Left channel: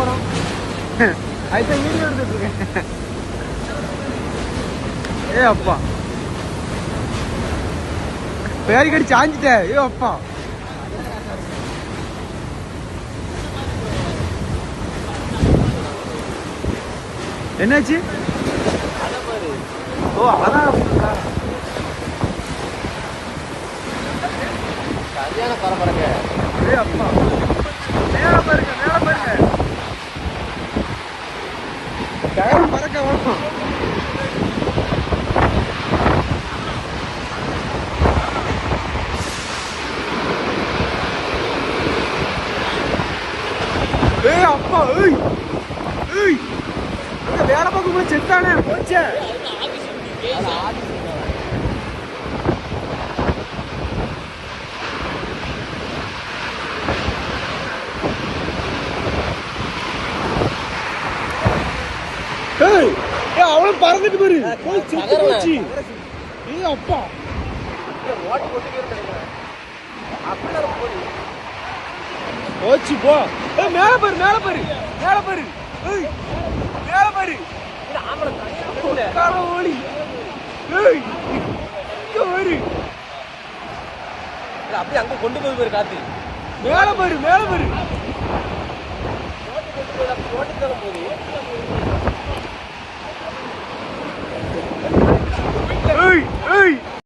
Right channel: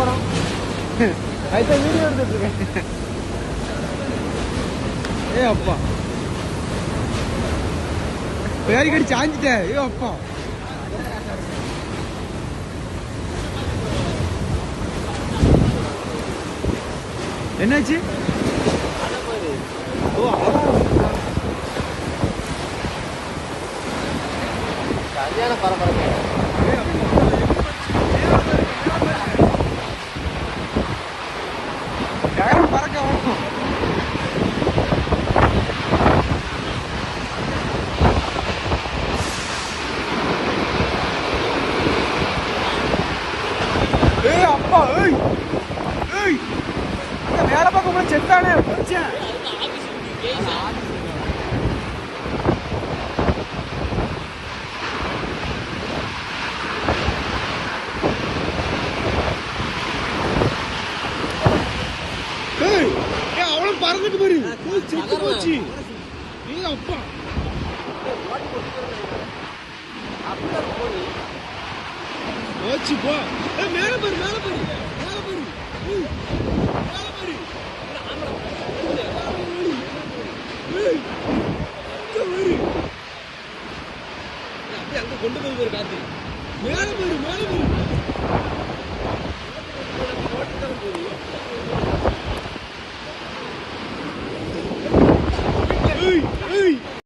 போறோம். அதுதான் வீடியோ எடுத்துட்டு இருக்கேன். ஏ அப்பா பேரிக்கடி சாஞ்சிட்டேன். ஏ அப்பா என்னாச்சு? ஓ அதான் சரியான பரபரக்க. ஏ அப்பா மேல பாருங்க, மேல பாருங்க, பறக்க ஓடும். ஏய் அப்பா, ஏய் ஏய் அங்க வேற பக்கம் போய் செத்தானே பிடிச்சேன். அவளும் பறந்துட்டு போச்சு. ஏய் அப்பா ஓட்டி கொட்டிக்கிட்டு நினைக்கிறேன். அப்படிலாம் போடி போச்சு போ. ஏய் மேல பாரு, மேல பாரு, மேல பாரு, ஏய் மேல பாரு. ஆமட தண்ணி கால ஓடி. ஏய் இங்க வரு. அப்படியே அங்க கொண்டு போய் பாரு காத்து. மேல பாரு, மேல பாரு. ஓட்டி தரம் போடி. ஏய் ஏய்